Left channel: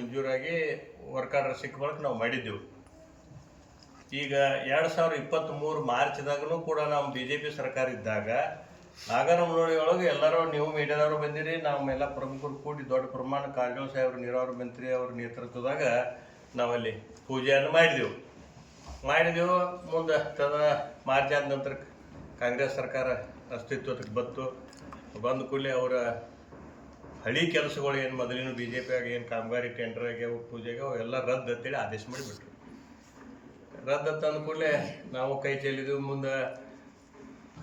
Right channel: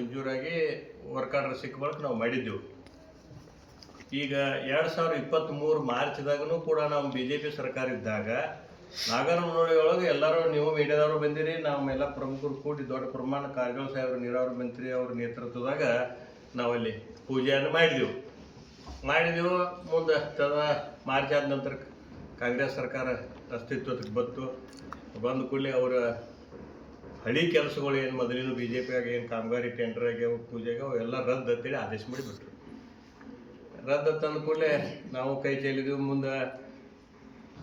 ಮಂಜೂರಾಗಿ work order ಸಿಕ್ಕ ಬಳಿಕ ನಾವು ಮಾಡಿದ್ದೆವು. ಈಗ 2023 ಮಾರ್ಚ್ದಾಗೂ ಕೂಡ ನಾವು BJP ಸರ್ಕಾರ ಇದ್ದಾಗ ನಾಗರಮುನ್ನೋಳಿ ಒಳಗೆ ಎಲ್ಲರೂ ನೀವು ಮೀಡಿಯಾದವರು ಬಂದಿರಿ, ನಮ್ಮೆಲ್ಲ ಪ್ರಮುಖರು ಕೂಡಿ ದೊಡ್ಡ ಪ್ರಮಾಣ ಕಾರಜೋಳ ಸಾಹೇಬ್ರು ನೀರಾವರಿ ಮಂತ್ರಿ ಅವ್ರ ನೇತೃತ್ವದಾಗ ನಾವಲ್ಲಿ ಪೂಜೆಯನ್ನು ಮಾಡಿದೆವು. ಮುಂದೆ ಮಾರ್ಚ್ ಆದ ನಂತರ ಕಾಂಗ್ರೆಸ್ ಸರ್ಕಾರ ಅಸ್ತಿತ್ವಕ್ಕೆ ಬಂದ ಕೂಡಲೇ ಅವರ ಹಳಿ ಕೆಲಸಗಳು ಏನು ಮೊದಲಿನ BJP ಆಗಿ ಏನು ಕಾಮಗಾರಿ ಟೆಂಡರ್ ಆಗ್ಯಾವ ಪೂಜೆಗೆ ಅವೆಲ್ಲ ರದ್ದು ಅಂತೇಳಿ ಆದೇಶ ಮಾಡಿಬಿಟ್ರು. ರದ್ದು ತಂದ ಕೂಡಲೇ ನಾವು ಕೈ ಚೆಲ್ಲಿದೆವು. ಮುಂದೆ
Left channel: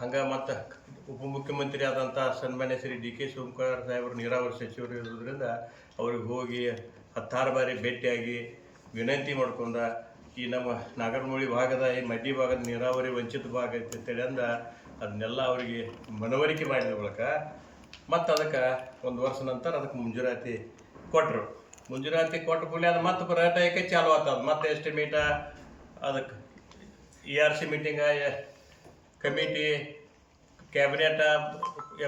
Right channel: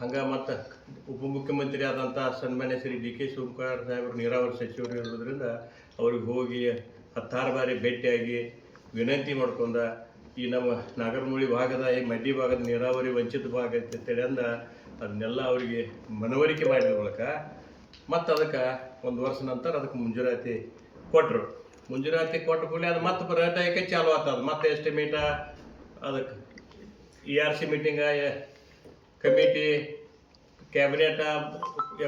ಹಂಗೆ ಮತ್ತು ಉಪಮುಖ್ಯಮಂತ್ರಿ ಆದಂಥ ಸನ್ಮಾನ್ಯ ಶ್ರೀ DK ಶಿವಕುಮಾರ್ ಸಾಹೇಬರು ನೀರಾವರಿ ಸಚಿವರು ಇರೋದ್ರಿಂದ ಅವ್ರಿಗೆ ಹೋಗಿ 10 ಬಾರಿ ಭೇಟಿಯಾಗಿ ವಿನಂತಿ ಮಾಡ್ಕೊಂಡ ಈ ನಮ್ಮ ನಾಗರಮುನ್ನೋಳಿ ಭಾಗದ ಈ ಮಡ್ಡಿ ಭಾಗದ ನೀರಾವರಿ ವಂಚಿತ ಭಾಗ ಅಂತೇಳಿ ಅಂದ ಅದನ್ನೆಲ್ಲ ಅವರಿಗೆ ಮನವರಿಕೆ ಮಾಡಿದ ಮೂಲಕ ಮತ್ತು ಅದಕ್ಕೆ 1 ವರ್ಷ ನಂತರ ಅದಕ್ಕೆ ಮುಂಜೂರಾತಿ ಕೊಟ್ಟರು. ಮುಂಜೂರಾತಿ ಕೊಟ್ಟ ಕೂಡಲೇ ಅದು ಮತ್ತೆ ಪರ್ಯಟಕ ಚಾಲು ಆಗ್ತದೆ. ಮತ್ತೆ ಎಸ್ಟಿಮೇಟ ಅದಕ್ಕೆ ERC ಮೀಟಿಂಗ ಕಮಿಟಿ ಕ್ಯಾಬಿನೆಟ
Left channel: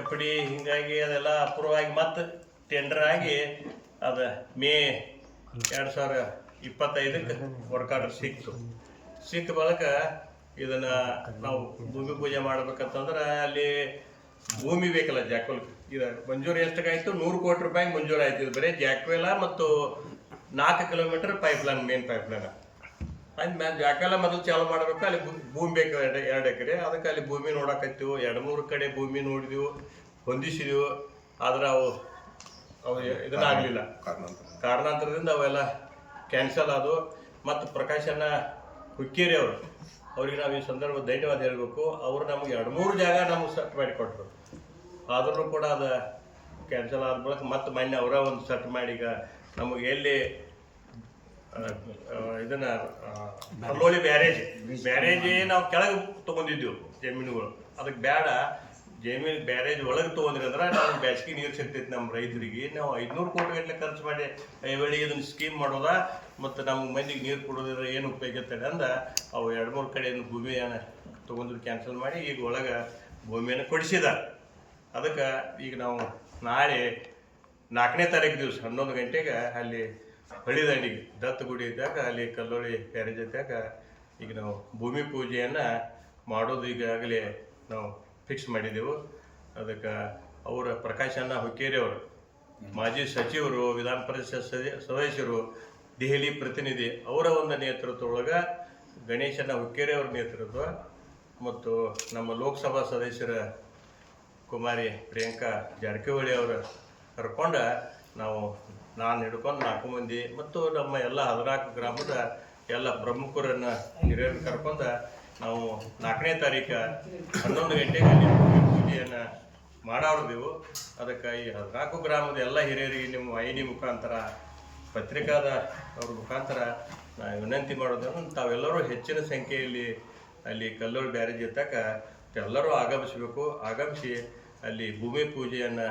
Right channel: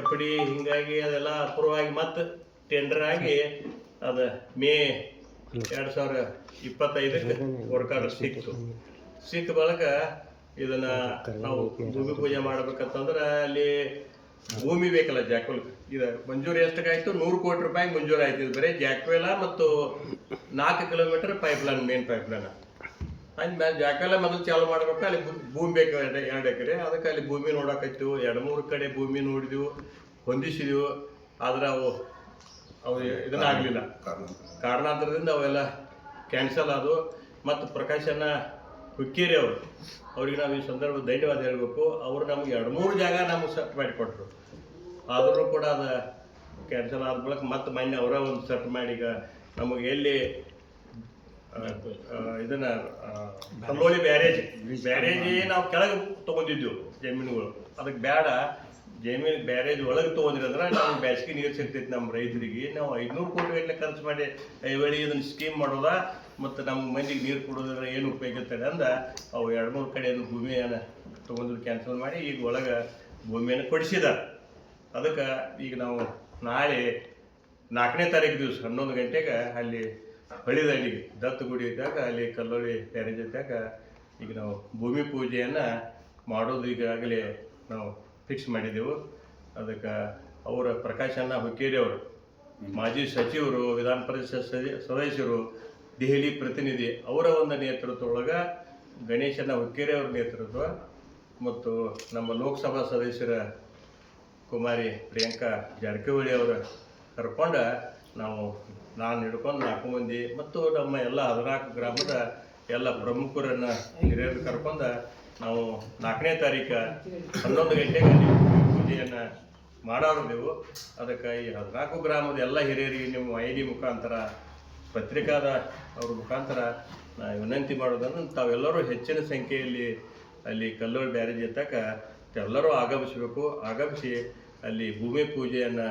FD ಹೀಗಾಗಿ ಅದೆಲ್ಲ ಅಪ್ರೂವ್ ಆಗಿ ಮತ್ತೆ ಟೆಂಡರ್ ಆಗಿ ಅದು ಮೇ 2025ಕ್ಕೆ ವರ್ಕ್ ಆರ್ಡರ್ ಸಿಕ್ಕ ಬಳಿಕ ಇದನ್ನು ನಾವು ಭೂಮಿ ಪೂಜೆ ಮಾಡ್ಬೇಕಂತಂದ್ರೆ ಅಲ್ಲಿ ಭೂಮಿ ಬೇಕಲ್ಲ ಜಾಕ್ವೆಲ್. ಇದು ಮಂಜೂರು ಎಷ್ಟಕ್ಕಾಯ್ತು? 100 ಕೋಟಿ ರೂಪಾಯಿಗೆ ಮಂಜೂರು ಆಯ್ತು. ಇದು ಬರೀ ಜಾಕ್ವೆಲ ಮತ್ತು 4 ಕಿಲೋಮೀಟರ್ ಪೈಪ್ಲೈನ್, ಮೇನ್ ಪೈಪ್ಲೈನ್. ಅಂದ್ಮೇಲೆ ಜಾಕ್ವೆಲ ಮೊದಲು ಚಾಲು ಮಾಡ್ಬೇಕು. ಅಲ್ಲಿ ಭೂಮಿ ಬೇಕು 2 ಎಕರೆ. ಅದಕ್ಕೆ ಅಲ್ಲಿ ಭೂಮಿ ನೋಡಕತ್ತೀವಿ. 2-3 ಕಡೆ ಭೂಮಿ ನೋಡಿದೆವು, ಹೊಂದಿಸಿದೆವು. ಆದ್ರೆ ಅವು ಇದನ್ನಾಗಲಿಲ್ಲ. ಕಾರಣಾಂತರದಿಂದ ಅವೆಲ್ಲ ಕ್ಯಾನ್ಸಲ್ ಆದವು. ಮತ್ತು ಪ್ರಕಾಶನ ಹುಕ್ಕೇರಿ ಅವ್ರಿಗೆ ನಾವು ಈ ಸಂದರ್ಭ ಧನ್ಯವಾದ ಹೇಳಬೇಕು. ಅವರು ನಮಗೆ 2-3 ಜಾಗ ನಮಗೆ ಸೆಟ್ ಮಾಡಿಕೊಟ್ರು. ಆದರೂ ಕೂಡ ಅದು ಕ್ಯಾನ್ಸಲ್ ಆದ ಬಳಿಕ ಮತ್ತೆ ಮೊನ್ನೆ ಅವರ ಒಂದು ಸೆಟ್ ಮಾಡಿ ಈಗ ನಮಗೆ ಎಲ್ಲಿ ಇದನ್ನು ಕಲ್ಲೋಳಿ ಬ್ಯಾರೇಜ್ ನಾವು ಕೆಳಗೆ ತೊಗೊಂಡಿದ್ದೆವು ಜಮೀನುಗಳು. ಅದಕ್ಕೆ ಬೇಡ, ಜಮೀನು ಬ್ಯಾರೇಜ್ ಒಳಗೆ ತೊಗೊಂಡ್ರಂದ್ರೆ ನಾವು ಬೇಸಿಗೆ ನೀರು ಸಿಗ್ತೈತಿ ನಮ್ಮ ರೈತರಿಗೆ. ನಾವು 500 ಕೋಟಿ ಗಟ್ಟಲೆ ಖರ್ಚು ಮಾಡಿ ವೇಳೆ ಇದನ್ನು ಸ್ಕೀಮ್ ಮಾಡೋದ ಮತ್ತು ನಮ್ಮ ಮಂದಿಗೆ ನೀರು ಕೊಡೋದ್ರೆ ಏನು ಉಪಯೋಗ ಇರ್ತದೆ ಅಂದ ಅವು 2-3 ಕಡೆಯನ್ನು ಭೂಮಿಯನ್ನು ತೊಗೊಂಡ್ರು ಕ್ಯಾನ್ಸಲ್ ಮಾಡಿ ಈಗ ಒಳಗೆ ಭೂಮಿಯನ್ನು ಕೊಡಿಸಿದ್ದಾರೆ. ಅದಕ್ಕೆ ಈಗ ನಾವು ನಾಳೆ 4ನೇ ತಾರೀಕು ದಿವಸ 11 ಗಂಟೆಗೆ ಅಲ್ಲಿ ಹೊಳಿದಂಡಿಗೆ ದತ್ತಗುಡಿ ಇದ್ದಾಗ ಅಲ್ಲಿ ಕಲ್ಲೋಳಿ ಬ್ಯಾರೇಜ್ ಇದ್ದಾಗ ಈಗ ನಾವು ಭೂಮಿ ಪೂಜೆಯನ್ನು ಮಾಡೋದು ಈಗಾಗಲೇ ನಾವು ಫಿಕ್ಸ್ ಮಾಡಿದೆವು. ಅದಕ್ಕೆ ಅವರ ಪ್ರಕಾಶನ ಹುಕ್ಕೇರಿ ಅವರು ಮಾಜಿ ಸಚಿವರು, ವಿಧಾನ ಪರಿಷತ್ ಸದಸ್ಯರು, ದೆಹಲಿ ಪ್ರತಿನಿಧಿ ಅವರ ಒಂದು ನೇತೃತ್ವದೊಳಗೆ ಗಣೇಶನ ಹುಕ್ಕೇರಿ ಅವ್ರ ನೇತೃತ್ವ ಮತ್ತು ನಮ್ಮ ಲೋಕಸಭಾ ಸದಸ್ಯರ ಕುಮಾರಿ ಪ್ರಿಯಾಂಕಾ ಜಾರಕಿಹೊಳಿ ಅವರು ಕರ್ಕೊಂಡು ನಾನು ಹಿಡ್ಕೊಂಡು 4 ಮಂದಿ ಮತ್ತು ನಮ್ಮ ಎಲ್ಲ 14 ಗ್ರಾಮದ ಎಲ್ಲ ಪ್ರಮುಖರನ್ನು ಹಿರಿಯರನ್ನು ಕರ್ಕೊಂಡು ನಾವು 4ನೇ ತಾರೀಕು 11 ಗಂಟೆಗೆ ಅಲ್ಲಿ ಪೂಜೆಯನ್ನು ಮಾಡೋರ್ದೆವು. ಅದಕ್ಕೆ ಈ 14 ಗ್ರಾಮದ ಎಲ್ಲ ಹಿರಿಯರಿಗೆ ನಿಮ್ಮ ವಾಹಿನಿ ಮುಖಾಂತರ, ಪತ್ರಿಕಾದ ಅವ್ರ ಮುಖಾಂತರ ನಾವು ವಿನಂತಿ ಮಾಡೋದನ್ನು ತಾವೆಲ್ಲರೂ ಹೆಚ್ಚಿನ ಸಂಖ್ಯೆಯಲ್ಲಿ ಅಲ್ಲಿ ಕಲ್ಲೋಳಿ ಬ್ಯಾರೇಜ್ ಎತ್ತಕ ಎಲ್ಲರೂ ಆಗಮಿಸಿ ಅಲ್ಲಿ ಭೂಮಿ ಪೂಜೆಯನ್ನು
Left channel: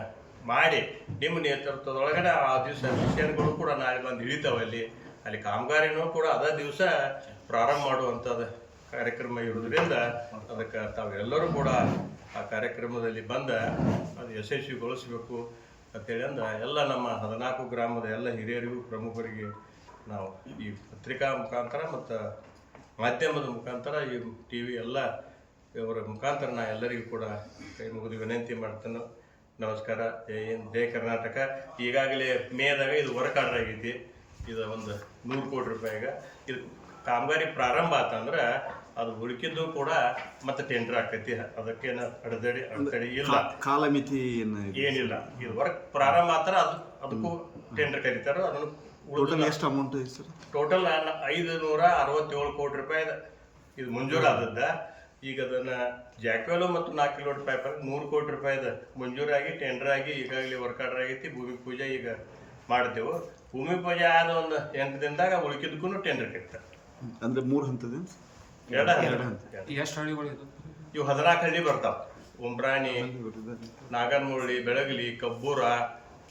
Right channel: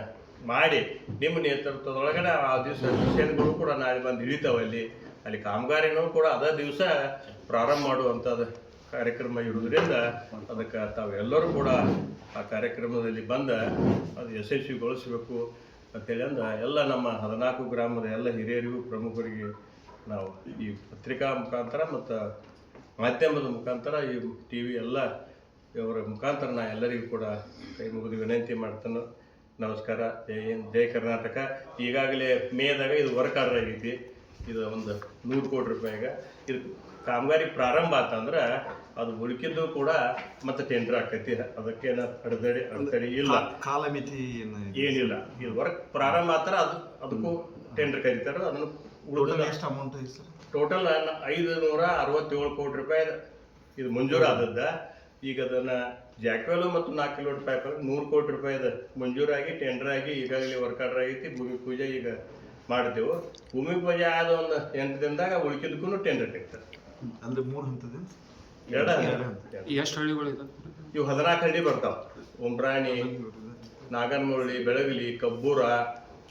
ಮಾಡಿ ನಿಮ್ಮ ನೇತೃತ್ವದೊಳಗಡೆ ಆ ದಿವಸ ಮಿಷನ್ಗಳು ಕೂಡ ನಾಳೆ ಬಂದು ಇಳಿತಾವೆ. ಅಲ್ಲಿ ಕಾಮಗಾರಿನೂ ಕೂಡ ಅದೇ ದಿವಸ ಪ್ರಾರಂಭ ಮಾಡುವಂಥದ್ದು ಕಾರ್ಯಕ್ರಮ ಇರೋದ್ರಿಂದ ಅದಕ್ಕೆ ತಾವೆಲ್ಲರೂ ಕೂಡ ಆ ಕಾರ್ಯಕ್ರಮದಲ್ಲಿ ಅದು ಯಶಸ್ವಿಗೊಳಿಸಬೇಕು ಅಂತೇಳಿ ಎಲ್ಲ ನಮ್ಮ 14 ಗ್ರಾಮದ ಎಲ್ಲ ಹಿರಿಯರಿಗೂ ಪ್ರಮುಖರಿಗೆ ನಾವು ಈ ಪತ್ರಿಕಾ ಮುಖಾಂತರ ಮತ್ತು ಮಾಧ್ಯಮದ ಮುಖಾಂತರ ಈ TV ಎಲ್ಲ ಇವರ ಮುಖಾಂತರ ನಾ ಎಲ್ಲರಿಗೂ ಕೂಡ ಕೈ ಮುಗಿದು ವಿನಂತಿ ಮಾಡ್ತಾನೆ. ನಮಸ್ಕಾರ. ಜೈ ಹಿಂದ್, ಜೈ ಕರ್ನಾಟಕ. ಈಗಾಗಲೇ ಮೇದಾಗ ಇದು ವರ್ಕ್ ಆರ್ಡರ್ ಆಗೈತಿ. ಇದು ಒಂದು 100 ಕೋಟಿ ರೂಪಾಯಿಗೆ ಇದು ಕಾಮಗಾರಿ ಪ್ರಾರಂಭ ಆತಂದ್ರೆ ಅದು ಉಳಿಕಿದ್ದು ಕೂಡ ಮತ್ತೆ ಟೆಂಡರ್ ಆಕೈತಿ. ಅದಕ್ಕೇನು ಅಡೆತಡೆ ಇಲ್ಲ, ಕಾಲಮಿತಿ ಏನಿಲ್ಲ. ಇದು ವರ್ಕ್ ಪ್ರಾರಂಭ ಆತರ ಅದಕ್ಕೂ ಟೆಂಡರ್ ಕರೀತಾರೆ. ಅದನ್ನು ಉಳಿದ ಎಷ್ಟು ಅಮೌಂಟ್ ಟೋಟಲ್ 567 ಕೋಟಿ ರೂಪಾಯಿ ಇದು ಮಂಜೂರಾದದ್ದ. ಈಗ ಅದನ್ನು ಜಾಕ್ವೆಲು ಮತ್ತು 4 ಕಿಲೋಮೀಟರ್ ಪೈಪ್ 100 ಕೋಟಿ ರೂಪಾಯಿದ ಮಂಜೂರಾಗಿ ಟೆಂಡರ್ ಆಗಿ ಈಗಾಗಲೇ ವರ್ಕ್ ಆರ್ಡರ್ ಆಗೈತಿ. ಭೂಮಿ ಪೂಜೆ ಈಗ ಮಾಡ್ತೇವೆ. ಭೂಮಿ ಪೂಜೆ ಆದ ಒಂದು 8 ದಿನದಾಗ ಉಳಿಕಿದ್ದಕ್ಕೂ ಟೆಂಡರ್ ಕರೀತಾರೆ. ಅಂದ್ರೆ 3 ಹಂತದ 2 ಎಷ್ಟು ಹಳ್ಳಿಗಳು ಇವು 14 ಹಳ್ಳಿ ಬರ್ತಾವೆ. ಉಂಬ್ರಾಣಿ, ನಾಗರಮುನ್ನೋಳಿ, ಬೆಳಗಲಿ, ಕಬ್ಬೂರ,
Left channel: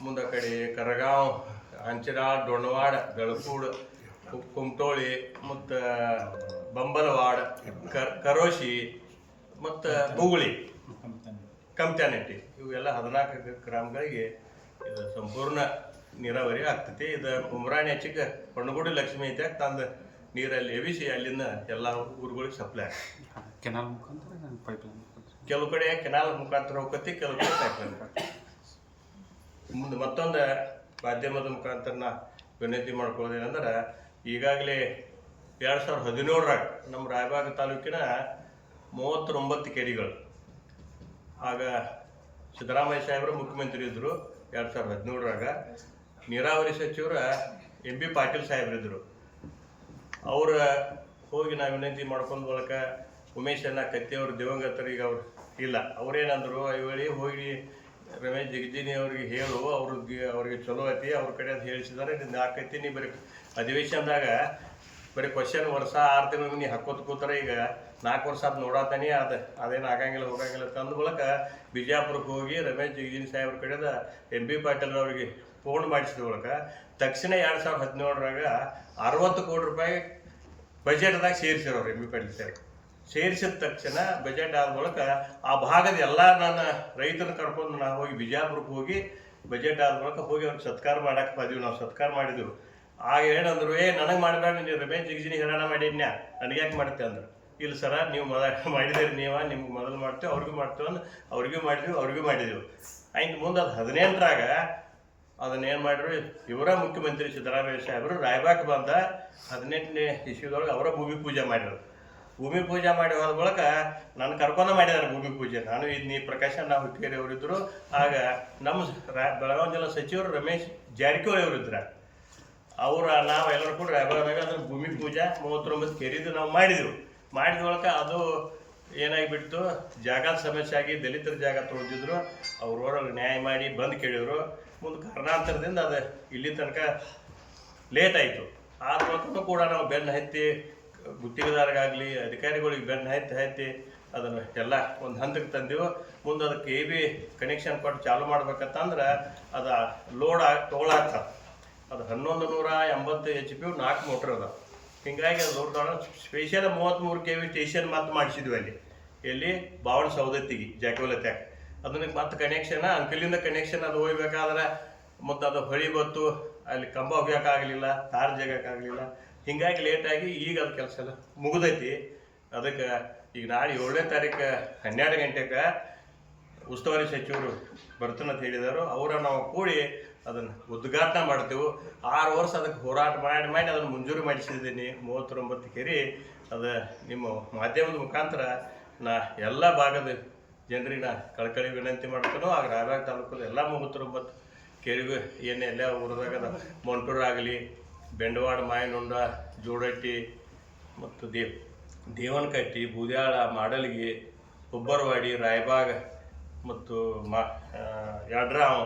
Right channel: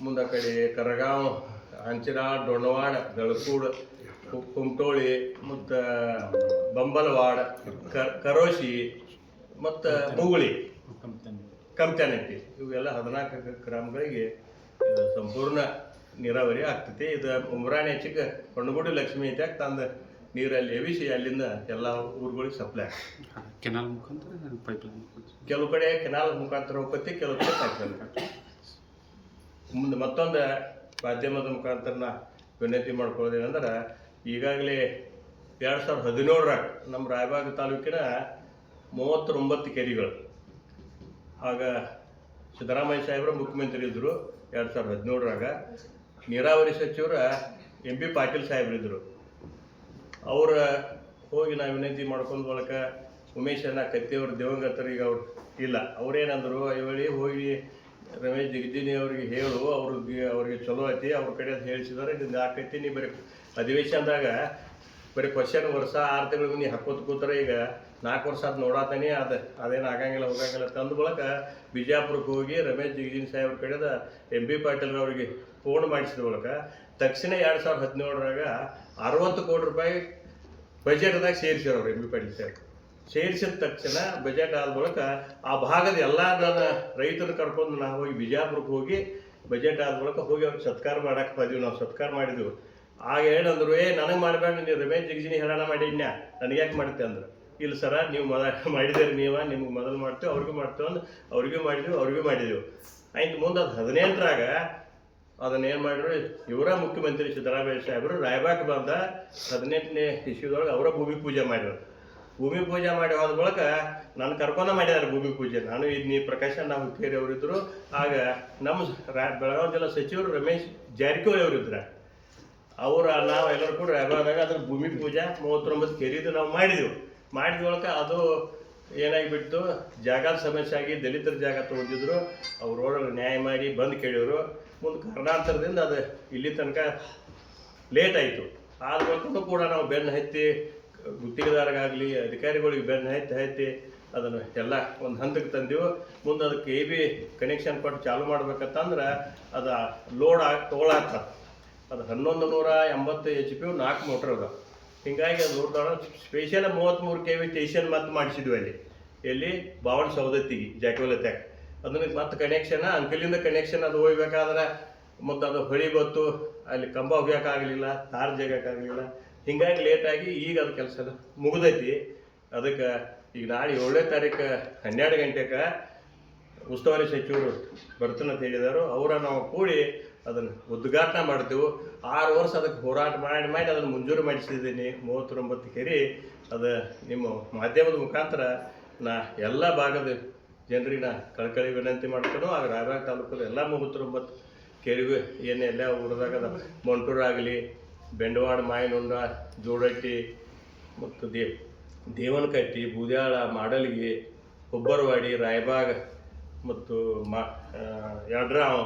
ಮುಂದೆ ಕಡೆ ಕರಗಾಂವ್, ಹಂಚಿನಾಳ್, ಡೊಣ್ಣವಾಡ, ಬೆಳಕೂಡು, ಕುಮಟೋಳಿ ಮತ್ತು ಬಂಬಲವಾಡ, ಕರೋಶಿ ಮತ್ತು ಬುಗುಳಿ, ಕಮ್ತಾನಟ್ಟಿ ಇವೆಲ್ಲ 14 ಗ್ರಾಮಗಳಿಗೆ ಇದು ಸಂಪೂರ್ಣ ನೀರಾವರಿ ಆಗ್ತೈತಿ. ಇದು ಉಮ್ರಾಣಿ ಹೆಚ್ಚಿಗೆ ಹೊಣ್ಣಗುಡಿ ಲಕ್ಷ್ಮಿ ಐತೆ ತಂದು ನೀರಲ್ಲಿ ಎವಿಸಿ ಅಲ್ಲಿಂದ ಎಲ್ಲ ಊರುಗಳಿಗೆ ಸಪ್ಲೈ ಆಗ್ತದೆ. ಕೆನಾಲ್ ಮುಖಾಂತರ ಪೈಪ್ಲೈನ್ ಕೆಲವು ಕಡೆ ಕೆನಾಲ್ ಮುಖಾಂತರ ಹೋಗ್ತೈತಿ, ಕೆಲವು ಕಡೆ ಪೈಪ್ಲೈನ್. ಮುಂದೆ ಮತ್ತೊಂದು ಮಾಧ್ಯಮದ ಮುಖಾಂತರ ನಾ ವಿನಂತಿ ಮಾಡ್ಕೊಳ್ಳೋದೇನೆಂದ್ರೆ, ಈಗಾಗಲೇ 2017ರಾಗ ನಮ್ಮ ರಾಯಬಾಗ ತಾಲೂಕಿನ 39 ಕೆರೆಗಳು, ಆಗ ಸಿದ್ದರಾಮಯ್ಯ ಸಾಹೇಬರು ಮುಖ್ಯಮಂತ್ರಿ ಇದ್ದರು. 2017ರಾಗ ನೀರಾವರಿ ಸಚಿವರು MP ಪಾಟೀಲ್ ಸಾಹೇಬ್ರಿದ್ದರು. ಅವ್ರ ಹೋಗಿ ನಾವು ವಿನಂತಿ ಮಾಡ್ಕೊಂಡು ಬಳಕ ಉಮೇಶನ ಕತ್ತಿಯವ್ರ ದಿವಂಗತರಿಗೆ ಅವ್ರು ಇಲ್ಲ, ಅವ್ರೇನಂದ್ರು ಹೇಳಿ ಹೋಗಿ ರಮೇಶ್ ಜಿಗಜಿನಿ ಅವ್ರಿಗೆ ಹೇಳು, ಅವ್ರಿಗೆ ಚಲೋ ಐತಿ, ಅವ್ರ ಕಡೆ ಅಂತ ಹೇಳಿಸಿದಾರೆ. ನಿಂದು ಆಕೈತಿ, ನೀ ಬರೀ ಅಧಿವೇಶನದಾಗ ಬರೀ ಕ್ವಶನ್ ವರ್ಷ 6 ತಿಂಗಳು ನೀ ಹಾಕೋತ ಕೂತಾರೆ. ಈಗ 4 ವರ್ಷ ಅದು ನೋಡಾತಾನೆ, ಅದೇನು ಆಗಂಗಿಲ್ಲ ಹೋಗಂಗಿಲ್ಲ ತಂದ ಬಳಕ ಬಿಜಾಪುರಕ್ಕೆ ಹೋಗಿ ರಮೇಶ್ ಜಿಗಜಿನಿ ಸಾಹೇಬ್ರ ಕಡೆದ MP ಪಾಟೀಲ್ ಅವರಿಗೆ ಫೋನ್ ಮಾಡಿಸಿದ ಬಳಕ ತಕ್ಷಣ 2017ರಾಗ 60 ಕೋಟಿ ರೂಪಾಯಿ ಬಜೆಟ್ದಾಗ ಸೇರಿಸಿರೋರು MP ಪಾಟೀಲ್ ಸಾಹೇಬ್ರು. ಸೇರಿಸಿದ ತಕ್ಷಣ ಬಜೆಟ್ ಆದ ಬಳಿಕ ಆ ಭಾಗದ ಎಲ್ಲ ನನ್ನ ರೈತರನ್ನ ಕರ್ಕೊಂಡು ನಾವು ಹೋಗಿ ಬಿಜಾಪುರಕ್ಕೆ ಹೋಗಿ ಬಜೆಟ್ ಆದ ಬಳಿಕ ಹೋಗಿ ಅವ್ರಿಗೆ ಸತ್ಕಾರ ಮಾಡಕ್ಕೆ ಬಂದೀವಿ. ನಾವು ಸತ್ಕಾರ ಮಾಡಿದೆವು. ಆಗ ಏನಂದ್ರು, ನನಗೆ ಮಾಡಬೇಡ, ನೀವು ರಮೇಶ್ ಜಿಗಜಿನಿ ಹೇಳೋಣ ಮಾಡಿದ್ನ್ಯಾ, ನನಗೆ ಯಾಕೆ ಮಾಡುತ್ತೆ ಅಂದ್ರೆ, ಇಲ್ಲ ಸರ ನೀವು ಮಾಡಿದಿರಿ, ನಿಮ್ಗೆ ಮೊದಲು ಮಾಡ್ತೇವೆ, ಅವ್ರಿಗೂ ಮಾಡ್ತೇವೆ ಅಂದ್ರೆ ಅವ್ರಿಗೂ ಮಾಡಿದ್ವಿ. ಆಯ್ತು. ಮುಂದೆ ಅದು 18ರಾಗ ಅದನ್ನೇನು ಮಾಡಿದ್ರು, ಇವರ ಮುಖ್ಯಮಂತ್ರಿ ಸಿದ್ದರಾಮಯ್ಯ ಸಾಹೇಬರು ರಾಯಬಾಗ್ ಬಂದ 18ನೇ ಇಸ್ವಿದೊಳಗೆ ಅವರ ಭೂಮಿ ಪೂಜೆ ಮಾಡಿರೋದು. ಭೂಮಿ ಪೂಜೆ ಮಾಡಿ ಹೋದ ಬಳಿಕ ನಾನು ಕರ್ಕೊಂಡು ಮಾಡಿದ್ದಾರೆ ಭೂಮಿ ಪೂಜೆ. ನಾನು ಇದನ್ನ ಪ್ರಕಾಶ್ ಅಣ್ಣ ಹುಕ್ಕೇರಿ ಅವರಿದ್ದರು. ಆಗ ನಮ್ಮ ಬೆಳಗಾವಿ ಜಿಲ್ಲಾ ಸಚಿವರು ರಮೇಶ್ ಜಾರಕಿಹೊಳಿ ಅವರಿದ್ರು. ನಾವು ಎಲ್ಲರೂ ಕೂಡ ರಾಯಬಾಗದಾಗ ಅದ್ರ ಭೂಮಿ ಪೂಜೆ 39 ಕೆರಿದು ನಾವು ಮಾಡಿದೆವು. ಮಾಡಿದ ಬಳಿಕ ಅದು ಏನಾಗಿಬಿಡ್ತು, ಜಾಗದ ಸಮಸ್ಯೆ ಆಗಿ ದಲಿತರ ಜಾಗ ತೊಗೊಂಡಿದ್ರು. ಅವ್ರೊಳಗೆ ನ್ಯಾಯ ಮಾಡಿ ಬಂದು ಕೇಳಿದ್ರು. ಮುಂದೆ ಕಾರಣಾಂತರದಿಂದ ಅದು ಇಲ್ಲಿ ತನಕ ಲೇಟ್ ಆಯಿತು. ಆದ ಬಳಿಕನೂ ಕೂಡ ನಾವು ಬೆನ್ನು ಹತ್ತಿ ಗುತ್ತಿಗೆದಾರಗಾಗಲಿ ಅಧಿಕಾರಿಗಳಿಗೆ ಬೆನ್ನು ಹತ್ತಿ ಅದನ್ನು ಎಲ್ಲ ಒಂದು ಹಂತಕ್ಕೆ ತಂದೆವು. ಮುಂದೆ ಅದಕ್ಕೆ AB ಕನೆಕ್ಷನ್ ಕೊಟ್ಟು ಚಾಲು ಮಾಡ್ಬೇಕಂತಂದ್ರೆ ಅದು ಲೋಡ್ ತೊಗೊಳತ್ತ. ಅದು 1180 HP 4 ಮೋಟ್ರ್ ಅದ. ಹೀಗಾಗಿ ಅದು ಲೋಡ್ ತೊಗೊಳ ಸ್ಪೆಷಲ್ 33 kV ಸ್ಟೇಷನ್ ಮತ್ತೆ ಮಾಡಿಸಿದ್ವಿ ಅಲ್ಲಿ, ಎಲ್ಲಿ ಬಾವಣ ಸೌದತ್ತಿಗೆ ಜಾಕಿವಲ ತ್ಯಾಕ್. ಅದನ್ನ ಮತ್ತೆ ಕನೆಕ್ಷನ್ ಅಂಕಲಿಂದ ಕನೆಕ್ಷನ್ ಅದು ಹೋಗ್ಬೇಕಾದ್ರೆ ಮತ್ತು ಅದು ಹೊಳಿ ಬತ್ತು, ಅಲ್ಲಿ ಕಂಬ ಹೋಗ್ಯೋಕ್ಕಾಗಲಿಲ್ಲ, ತಾರ್ ಜಗಕ್ಕಾಗಲಿಲ್ಲ. ಹೀಗಾಗಿ ಲೇಟಾಗಿ ಈಗ ಅದು ಕೆಲಸ ಮುಗಿದೈತಿ. ಅದಕ್ಕೆ ಈಗ ನಾಳೆ 7ನೇ ತಾರೀಕು 12 ಗಂಟೆಗೆ ಉಸ್ತುವಾರಿ ಸಚಿವರು ಬರ್ತಾನಂತ ಹೇಳಿದರು. ಅವರ ನಾವು ಕೂಡಿ ಅದನ್ನು ಉದ್ಘಾಟನೆ ಮಾಡ್ತೇವೆ. 6 ವರ್ಷ ಅದಕ್ಕೆ ಹೋರಾಟ ಮಾಡಿ ಅದನ್ನು ಮಂಜೂರು ಮಾಡಿಸಿದ್ದೀನಿ. 39 ಕೆರೆ ಅದು ನಿಮ್ಮ ಮಾಧ್ಯಮದ ಮುಖಾಂತರ ನಾ ಎಲ್ಲ ಭಾಗದ ಜನರಿಗೆ ನಾ ಕಳಕಳಿ ವಿನಂತಿ ಮಾಡ್ತಾನೋ. ಆಗ ರಾಯಬಾಗ ತಾಲೂಕಲ್ಲಿ ಎಲ್ಲ 39 ಕೆರೆಗೂ ಏನೆಲ್ಲ ಊರದಾಗ ಮೊಂಟೂರಾಗಲಿ, ಬೆಂಡವಾಡ, ಮಾಯನುಂಡ, ಜೋಡಟ್ಟಿ ಮತ್ತು ದೇವನಕಟ್ಟಿ, ಬೂದ್ಯಾಳ, ಮಾಡಲ್ಗಿ, ಹುಬ್ಬರವಾಡಿ, ರಾಯಬಾಗ ಮತ್ತು ಯಡ್ರಾವ್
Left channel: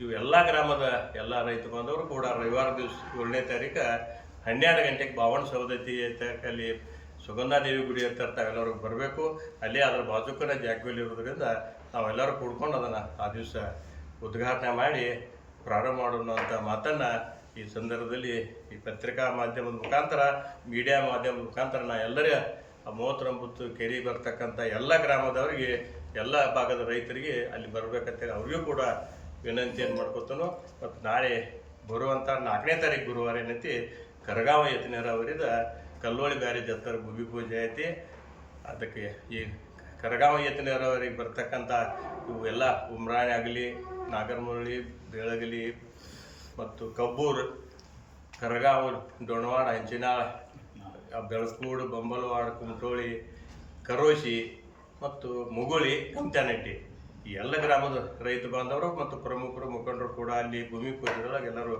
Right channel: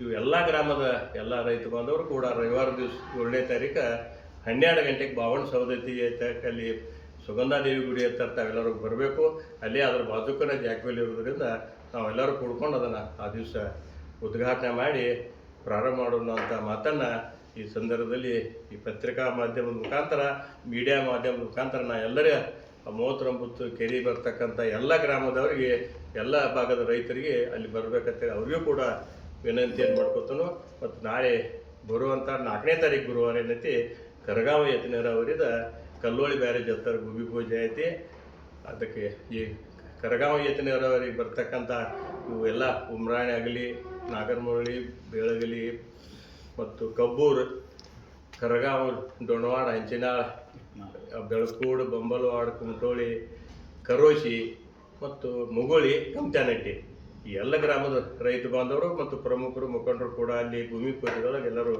ಇವು ಎಲ್ಲ ಗ್ರಾಮದ ಎಲ್ಲ ರೈತ ಬಾಂಧವರು ಕೂಡ ರವಿವಾರ ದಿವಸ 7ನೇ ತಾರೀಕು 12 ಗಂಟೆಗೆ ಬಾವಣ ಸೌದತ್ತಿ ಅಲ್ಲಿ ಸುಗಂಧಾದೇವಿ ಗುಡಿ ಹತ್ರ ತಾವೆಲ್ಲರೂ ಬರಬೇಕು. ಅಲ್ಲೇ ಅದರ ಬಾಜುಕನ ಜಾಗದಲ್ಲಿ ಇರೋದ್ರಿಂದ ನಾವೆಲ್ಲರೂ ಕೂಡ್ಕೊಂಡು ಅದನ್ನು ಆ ದಿವಸ ಉದ್ಘಾಟನೆ ಮಾಡಿ ಪ್ರಾರಂಭ ಮಾಡೋಣ ಅಂತ ಮಾತನ್ನು ಈ ಸಂದರ್ಭದಲ್ಲಿ ಈ ಪತ್ರಿಕಾ ಮಾಧ್ಯಮದ ಮುಖಾಂತರ, ಮೀಡಿಯಾ ಮಾಧ್ಯಮದ ಮುಖಾಂತರ ನಾ ಎಲ್ಲರ 39 ಕೆರೆ ಬರ್ತಕ್ಕಂಥ ಎಲ್ಲ ಗ್ರಾಮದವರಿಗೆ, ಎಲ್ಲ ಭಾಗದ ರೈತರಿಗೆ ಅಲ್ಲಿ ಬರಬೇಕಂತೇಳಿ ಅವ್ರಿಗೂ ಕೂಡ ವಿನಂತಿಯನ್ನು ಮಾಡ್ಕೊತಾನು. ಮತ್ತು ನಾಳೆ ಬರುವಂಥ 4ನೇ ತಾರೀಕು ಗುರುವಾರ ಏನೈತಿ, ಕರಗಾವ ಎತ್ತಿನ ನೀರಾವರಿದ ಕಲ್ಲೋಳಿ ಬ್ಯಾರೇಜ್ ಹತ್ತಿರ ಭೂಮಿ ಪೂಜೆ ಐತಿ. ಅದಕ್ಕೆ ಈ ಕರಗಾವ ಎತ್ತಿನ ನೀರಾವರಿಗೆ ಬರ್ತಕ್ಕಂಥ ಇವು ಎಲ್ಲ ಉಮ್ರಾಣಿ ಆಗಲಿ, ನಾಗರಮುರಳಿ, ಬೇಳಗಲಿ ಮತ್ತು ಕಬ್ಬೂರು, ಕರಗಾವ, ಡೊಣವಾಡ, ಹಂಚಿನಾಳ, ಬೆಳಕೂಡು, ಬಂಬಲವಾಡ, ಕುಮಟೋಳಿ, ಕರೋಶಿ ಮತ್ತು ಮುಗುಳಿ, ಕಮ್ಚಾನಟ್ಟಿ ಈ ಎಲ್ಲ ಗ್ರಾಮದ ರೈತ ಬಾಂಧವರು ಮತ್ತು ಪ್ರಮುಖರು, ಮುಖಂಡರು ಕೂಡ ಅಲ್ಲಿ ಭೂಮಿ ಪೂಜೆಯೊಳಗೆ ಎಲ್ಲರೂ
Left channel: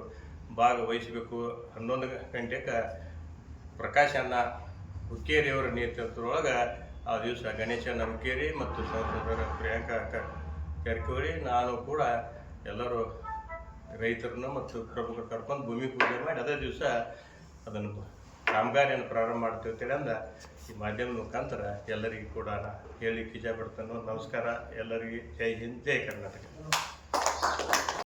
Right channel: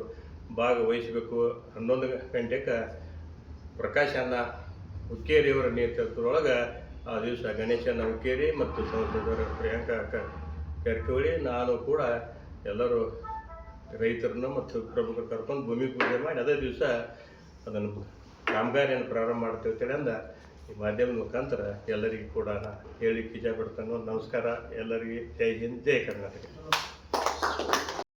ಭಾಗವಹಿಸಬೇಕು. 11 ಗಂಟೆಗೆ ಪ್ರಕಾಶ್ ಅಣ್ಣ ಹುಕ್ಕೇರಿಯವರ ನೇತೃತ್ವದೊಳಗೆ ಆ ದಿವಸ ಗಣೇಶನ ಹುಕ್ಕೇರಿ ಮತ್ತು ಸಂಸದರ ಪ್ರಿಯಾಂಕಾ ಜಾರಕಿಹೊಳಿ, ನಾನು ಕೂಡ ಎಲ್ಲರೂ ರೈತರನ್ನು ಮತ್ತು ಪ್ರಮುಖರು ಕರ್ಕೊಂಡು ಭೂಮಿ ಪೂಜೆ ಮಾಡಿ ಅದೇ ದಿವಸ ಅದನ್ನು ಕಾಮಗಾರಿಯನ್ನು ಪ್ರಾರಂಭ ಮಾಡ್ತೇವೆ ಅಂತೇಳಿ ಅಂದ ಈ ಮಾಧ್ಯಮದ ಮುಖಾಂತರ ಎಲ್ಲರಿಗೂ ಕೂಡ ಹೇಳಲಿಕ್ಕೆ ಇಚ್ಛೆ ಪಡ್ತಾನೆ. ನಮಸ್ಕಾರ ಎಲ್ಲರಿಗೆ. ಜೈ ಹಿಂದ್, ಜೈ ಕರ್ನಾಟಕ.